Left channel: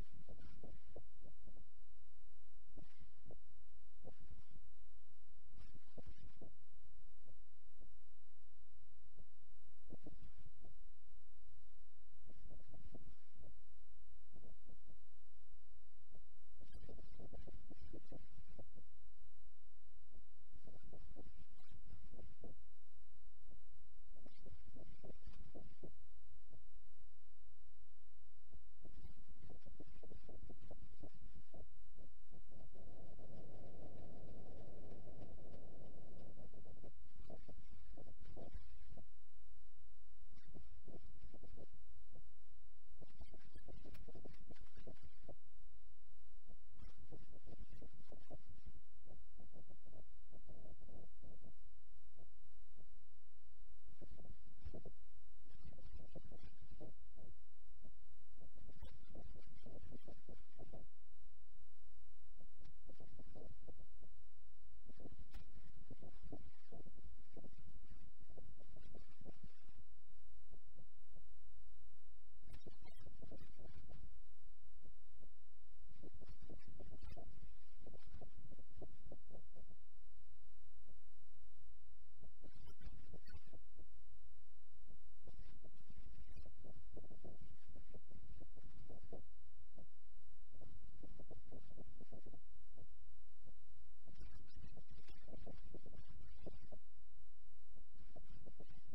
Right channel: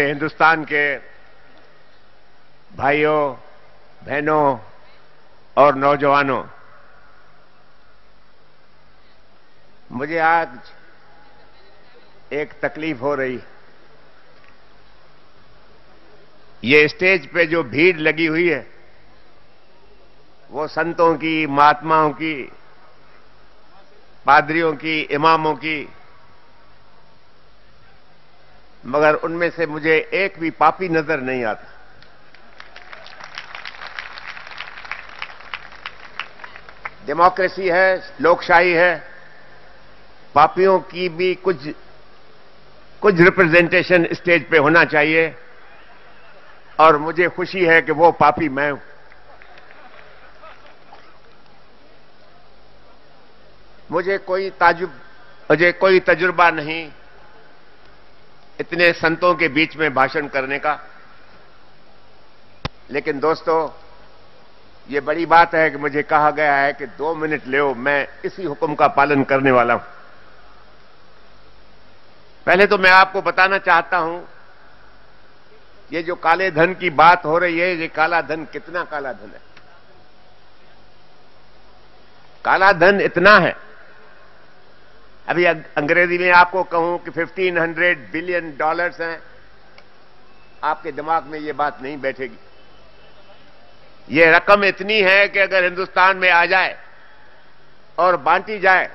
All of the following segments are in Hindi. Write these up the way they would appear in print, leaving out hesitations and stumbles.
मेरे हिंदुस्तान के भाइयों, बहनों और नौजवानों, मुझे आज एक तकलीफ हो रही। ये स्टेज पे जो भीड़ लगी हुई है वो संतों की, महात्माओं की, पादरियों की, इमामों की, मगर उनमें से मुझे एक भी पापी नजर नहीं आता। डेमोक्रेसी है, लोकशाही है, पापियों की भी कुछ रिप्रेजेंटेशन स्टेज पे होना चाहिए, और मुझे खुशी है कि वो पापी मैं हूं। मुझे कोई तजुर्बा नहीं इतने संतों के बीच में भाषण करने का, लेकिन दोस्तों, ये बड़ी बात है कि मुझे कहा गया है कि 2 मिनट लो। मैं इसी हुक्म का पालन करने वाला हूं। पहले तो मैं आपको बताना चाहता हूं, ये जो काले धन की बात हो रही है, ये काला धन कितना काला धन है। काला धन इतना है, अभी अंग्रेजी में आपको कहूं कि $1500 बिलियन हैं, आपके दिमाग में ये बात नहीं बैठेगी। ये रकम इतनी है कि अगर हिंदुस्तान में आ जाए और बांटी जाए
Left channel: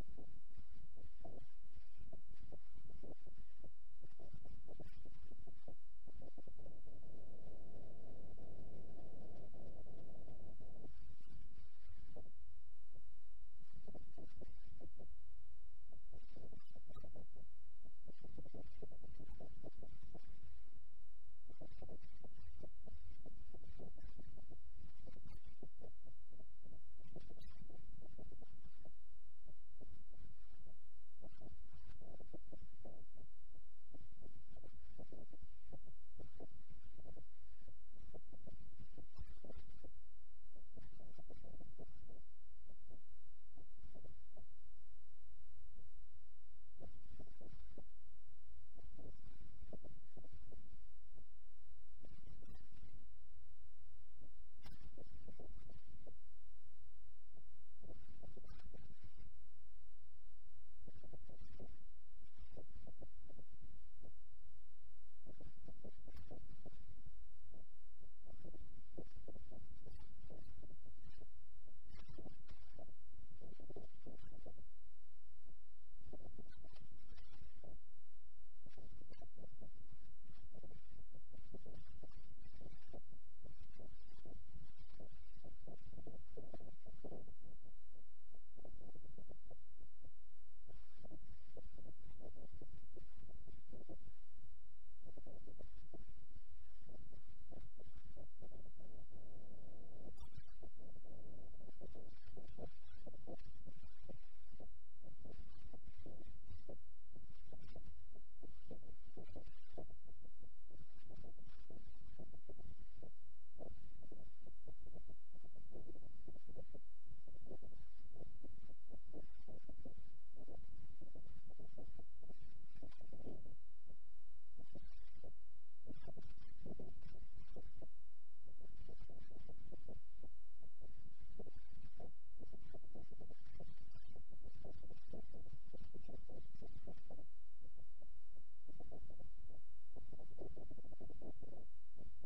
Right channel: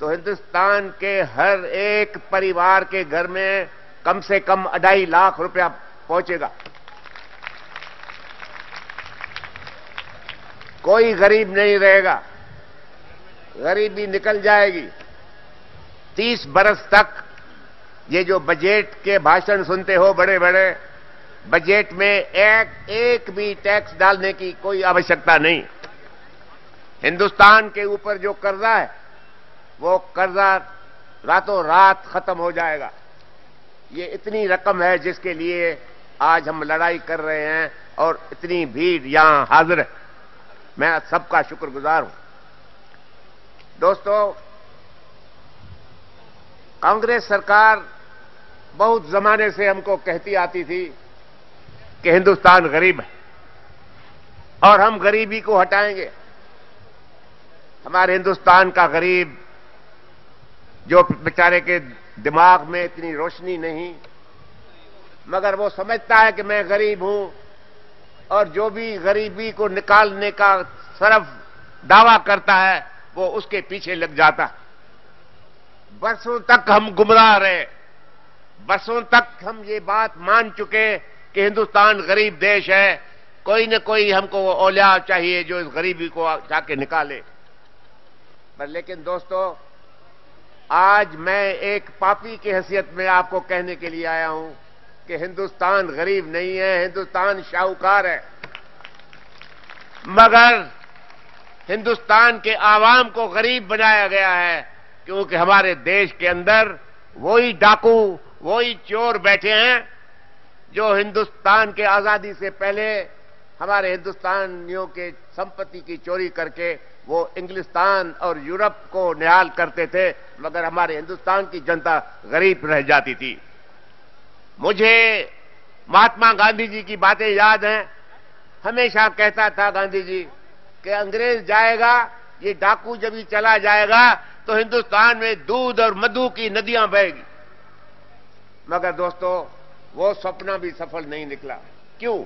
तो हिंदुस्तान के हर एक परिवार के घर में कम से कम 2.5 लाख रुपया पहुंचेगा। कोई गरीब नहीं रहेगा, गरीबी निकल जाएगी। 30 बरस तक ये जो बजट के भाषण सुनते हो बड़े बड़े, बजट में एक भी टैक्स डालने की कोई आवश्यकता नहीं। हिंदुस्तान के ऊपर जो कर्जा है वो कर्जा रातों रात खत्म हो जाएगा। ये इतनी रकम है जिसके लिए आज हम लड़ाई कर रहे हैं और इतनी भीड़ यहां हाजिर है। मैं सबका शुक्रगुजार हूं। दोस्तों, कांग्रेस सरकार बहुत जमाने से हमको कहती आती थी कि हिंदुस्तान गरीब है और हम गरीबी को हटाएंगे। हमारे हिंदुस्तान का गरीब, जो बेचारे के दिमाग में इतनी रोशनी नहीं, मगर वो समझता है कि मैं गरीब हूं, और जो भी गरीबी को निकालने का सिर्फ दावा करता है वो उसके पीछे लग जाता। बरसों तक हम गुमराह रहे, बरसों तक हम ये बात मान चुके कि हिंदुस्तान गरीब देश है। कोई न कोई हमको औलिया चाहिए जो इस गरीबी को जाके निकाले। पर लेकिन दोस्तों, आज मैं एक पापी की हैसियत में आपको कहने के लिए आया हूं कि हिंदुस्तान गरीब नहीं है, हिंदुस्तान शाहूकार है। मगर हिंदुस्तान के आवाम को गरीब बनाया गया है क्योंकि हमारे देश के अंदर वही डाकू, वही चोर बैठे हैं जो हिंदुस्तान के आजादी से पहले हमारे हिंदुस्तानियों के संपत्ति की चोरी करके वो इंग्लिस्तान और यूरोप को निहाल करते थे, मगर हमारे हिंदुस्तान की जनता गरीब रह जाती थी। मुझे महात्मा गांधी जी की बातें याद हैं। हमेशा कहता था गांधी जी कि अंग्रेज जाएगा, ये डाकू जब ही चला जाएगा तो हिंदुस्तान में दूध और मधु की नदियां बहेगी। मगर दोस्तों, वो सपना भी सफल नहीं निकला। क्यों?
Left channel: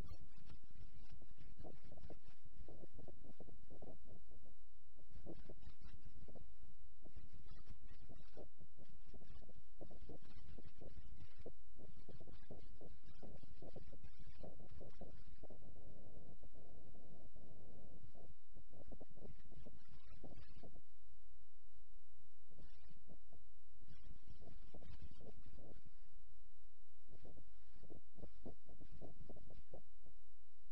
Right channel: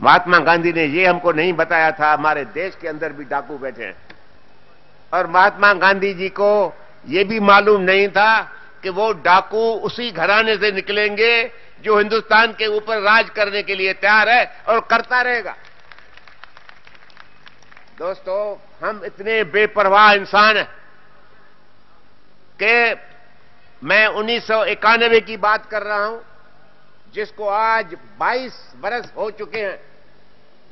महात्मा गांधी ने ये हमको नहीं बताया था हमारे देश के अंदर भी डाकू बैठे हैं, और महात्मा गांधी जी को ये भी मालूम नहीं था कि वो डाकू उसी घराने से निकलेंगे जो हिंदुस्तान के ऊपर राज करने के लिए तैयार है और करता रहेगा। दोस्तों, हम इतने बेपरवाह इंसान हैं कि मैं 1991 की बात कर रहा हूं, जिसको आज 22 बरस हो चुके हैं।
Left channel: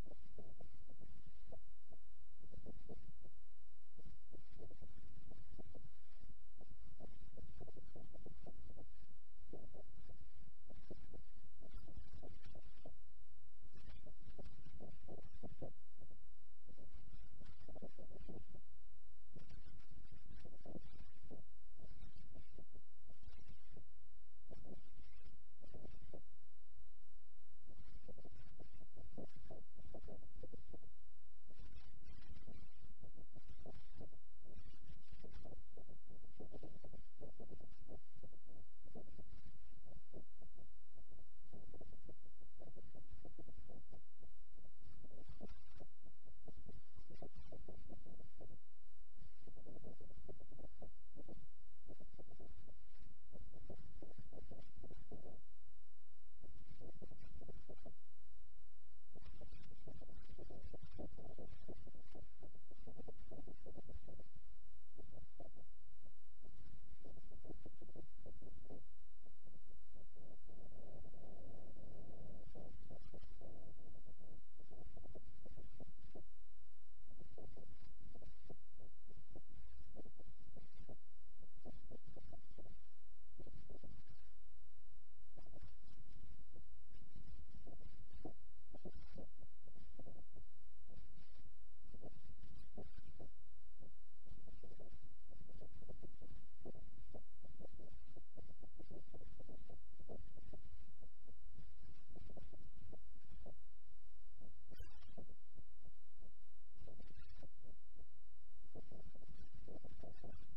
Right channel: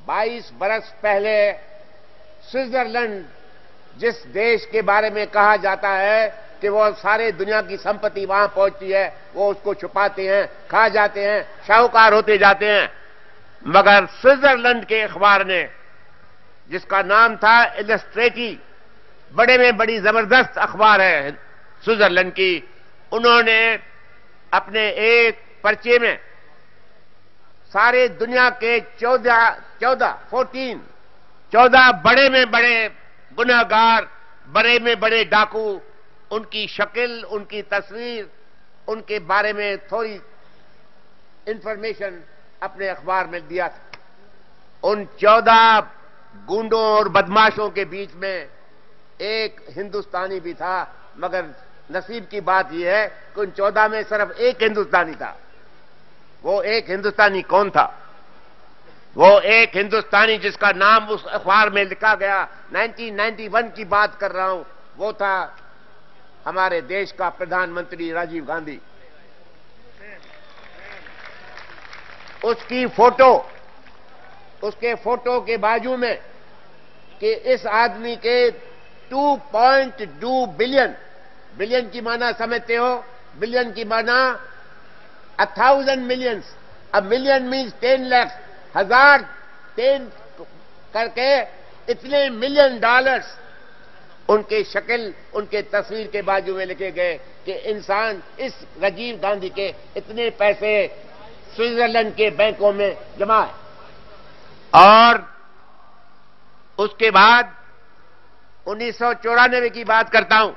22 बरस पहले स्विट्जरलैंड, जिस देश के बारे में कहा जाता है कि वो सारे दुनिया की संपत्ति वहां पहुंचती है, वो उसको छुपाते हैं, खा जाते हैं, शाहूकार होते जाते हैं। मगर स्विट्जरलैंड के अखबार ने, जिसका नाम था इलस्ट्रेटी, बड़े में बड़ी जबरदस्त अखबार है स्विट्जरलैंड की, उन्होंने अपने एक पर्चे में सारे दुनिया के 14 बड़े में बड़े गुनहगार, बड़े में बड़े डाकू, उनकी शक्ल, उनकी तस्वीर, उनके बारे में थोड़ी इंफॉर्मेशन अपने अखबार में दिया था। उन 14 गुंडों और बदमाशों के बीच में एक हिंदुस्तानी भी था, मगर नसीब की बात यह है कि उन 14 में सिर्फ एक हिंदुस्तानी था। वो एक हिंदुस्तानी कौन था? वो एक हिंदुस्तानी जिसका नाम उस अखबार में लिखा गया, 1991 की बात कर रहा हूं, वो था हमारे देश का प्रधानमंत्री राजीव गांधी। उसकी फोटो, उसके फोटो के बाजू में कि इस आदमी के 2.2 बिलियन, बिलियन की माना समझते हो? बिलियन की माना 1,000 millions. A million means 10 lakh, 1000 10 करके इतने $1 मिलियन उनके शक्ल, उनके तस्वीर के बाजू में लिखे गए कि इंसान, इस राजीव गांधी के इतने पैसे स्विट्जरलैंड के बैंकों में जमा है। और उसके बाद 1994 की बात करता हूं,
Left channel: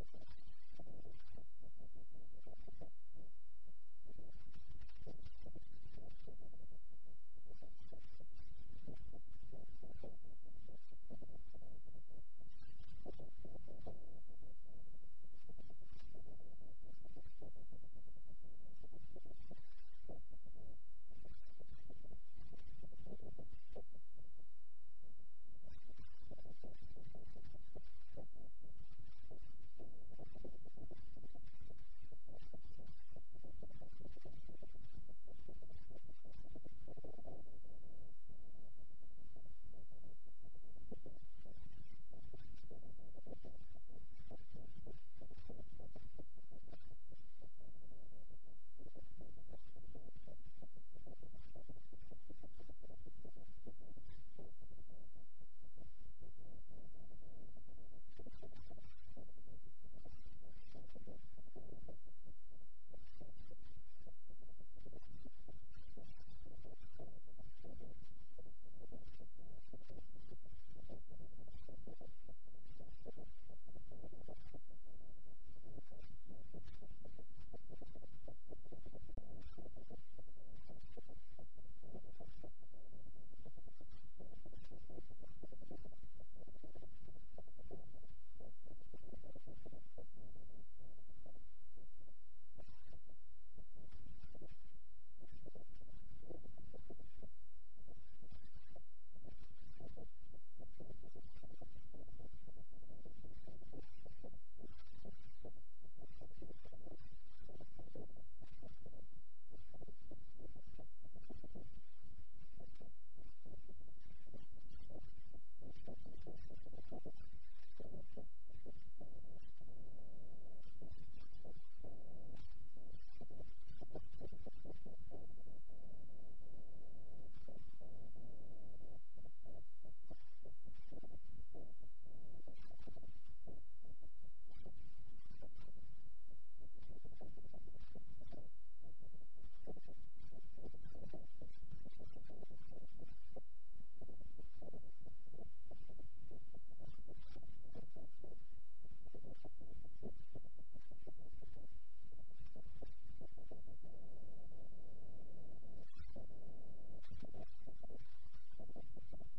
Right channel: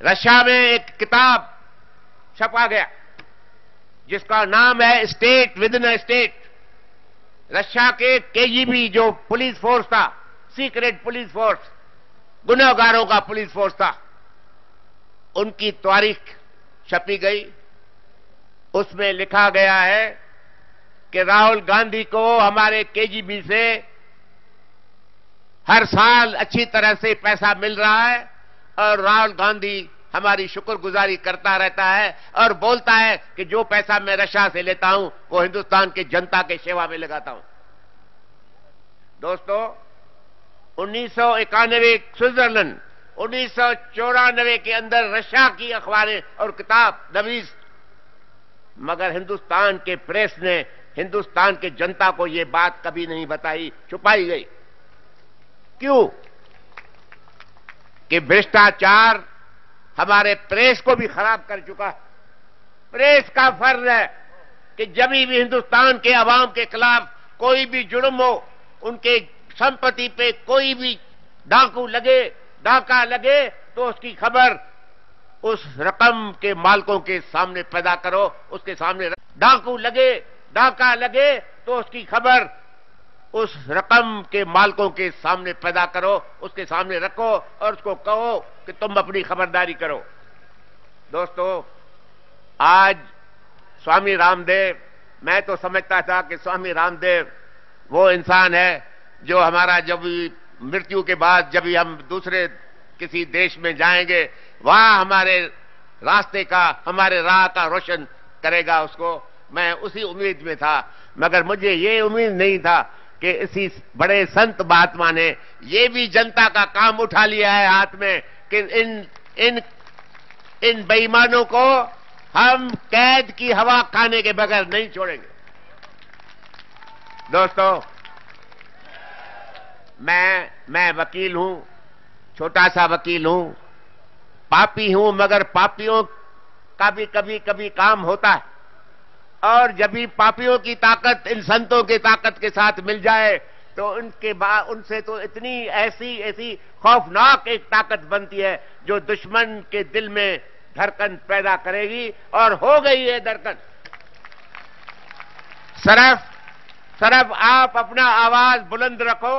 रशिया में एक किताब छपा गया जिसका नाम है state with in a state. Russia के केजीबी जो पुलिस फोर्स था, सीक्रेट पुलिस फोर्स, गुनहगारों का पुलिस फोर्स था, उनकी तारीख छपी गई। उसमें लिखा गया है कि राहुल गांधी को हमारे केजीबी से हर साल अच्छी तरह से पैसा मिल रहा है और राहुल गांधी हमारी शुक्रगुजारी करता रहता है और बोलता है कि जो पैसा मैं रशिया से लेता हूं वो हिंदुस्तान की जनता के सेवा में लगाता हूं। दोस्तों, 1991 स्विट्जरलैंड, 1994 के अंदर रशिया की अखबारें और किताब नवीस, मगर हिंदुस्तान के प्रेस ने हिंदुस्तान के जनता को यह बात कभी नहीं बताई, छुपाई गई। क्यों? कि भ्रष्टाचार हमारे प्रेस को भी खराब कर चुका है। प्रेस का फर्ज है कि जब भी हिंदुस्तान के अवाम के खिलाफ कोई भी जुर्म हो, उनके संपत्ति पे कोई भी डाका लगे, तो उसकी खबर उस रकम के मालिकों के सामने पैदा करो, उसके सामने डाका लगे तो उसकी खबर उस रकम के मालिकों के सामने पैदा करो, उसके सामने रखो और उसको कहो कि तुम अपनी खबरदारी करो। दोस्तों, आज स्वामी रामदेव, मैं तो समझता था कि स्वामी रामदेव वो इंसान है जो हमारा जब मृत्यु के बाद जब हम दूसरे किसी देश में जाएंगे, वहां हमारे रास्ते का, हमारे राह का रोशन करेगा। उसको मैं उसी उम्मीद में था, मगर मुझे ये उम्मीद नहीं था कि इसी बड़े संत महात्मा ने ये भी जनता का काम उठा लिया है हाथ में कि इन बेईमानों को हम कैद की हवा खाने के बगैर नहीं छोड़ेंगे। दोस्तों, मैं वकील हूं, छोटा सा वकील हूं, पापी हूं, मगर पापियों का भी कभी काम होता है। और जब भी पापियों की ताकत इन संतों की ताकत के साथ मिल जाए तो उनके बाद उनसे तो इतनी ऐसी खौफनाक एक ताकत बनती है जो दुश्मन के दिल में धड़कन पैदा करेगी, और हो गई है धड़कन। सिर्फ आप अपना आवाज बुलंद रखो।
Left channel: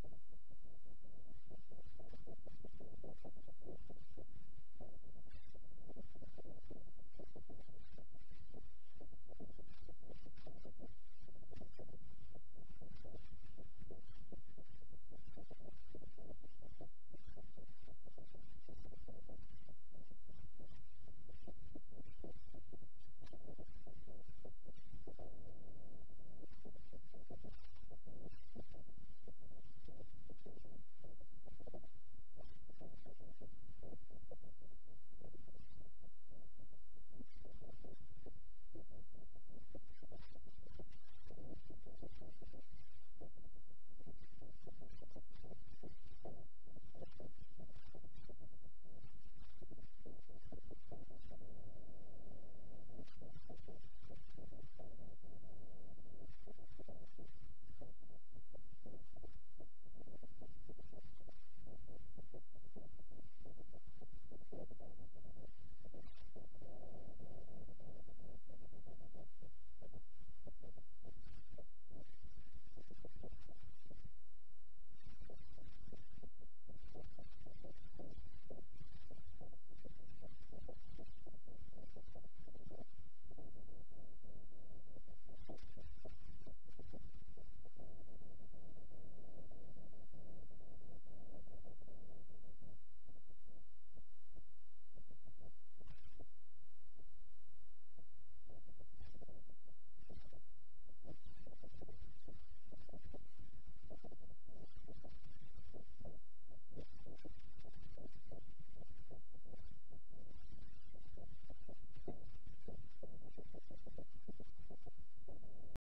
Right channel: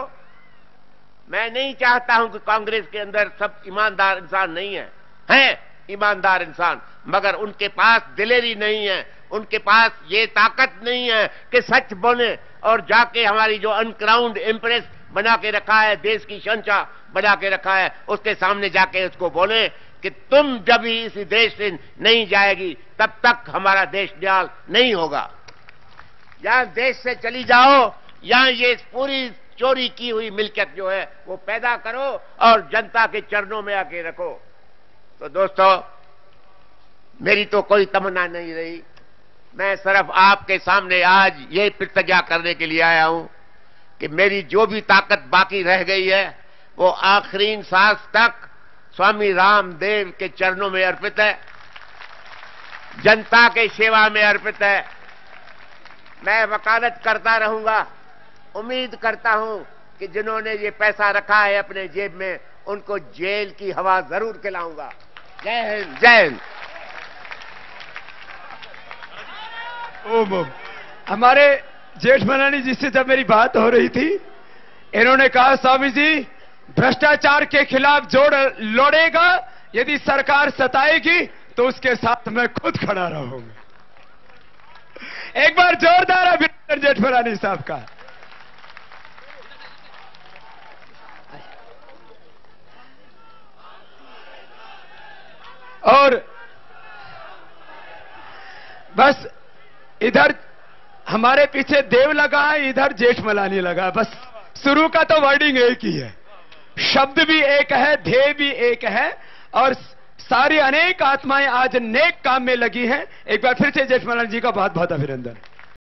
मैं नहीं चाहता हूं कि कांग्रेस के अंदर सब ईमानदार इंसान नहीं है ईमानदार इंसान, मगर उनके पास दिलेरी नहीं है, उनके पास ये ताकत नहीं है कि सच बोले और जाके हमारी जो अनक्राउंड एम्प्रेस बना के रखा है, देश की शंचा बना के रखा है, उसके सामने जाके उसको बोले कि तुम जब भी इस देश से नहीं जाएगी तब तक हमारा देश न्याल नहीं होगा। या देश से चली जाओ, या ये पूरी चोरी की हुई मिल्कियत जो है वो पैदा करो और जनता के चरणों में आके रखो। तो दोस्तों, मेरी तो कोई तमन्ना नहीं रही। मैं सिर्फ आपके सामने आज ये प्रतिज्ञा करने के लिए आया हूं कि मेरी जो भी ताकत बाकी रह गई है वो आखिरी सांस तक स्वामी रामदेव के चरणों में अर्पित है। जनता के सेवा में अर्पित है। मैं वकालत करता रहूंगा। उम्मीद करता हूं कि जिन्होंने ये पैसा रखा है अपने जेब में, उनको जेल की हवा जरूर खिलाऊंगा। जय हिंद, जय हिंद। हमारे जेठमलानी जी से जब मेरी बात हो रही थी, इन्होंने कहा स्वामी जी भ्रष्टाचार के खिलाफ जोड़ लड़ेगा, यदि सरकार सताएगी तो उसके साथ मैं खुद खड़ा रहूंगा। एक बार जोरदार अभिनंदन जेठमलानी साहब का। और बस इधर हमारे पीछे देव लगा है, इधर जेठमलानी लगा। बस शुरू का तो वर्डिंग एक ही है, शब्द भी एक है, ध्येय भी एक है, और सारी अनेक आत्माएं आज नेक काम में लगी हैं। एक बार फिर से जेठमलानी जी का बहुत बहुत अभिनंदन।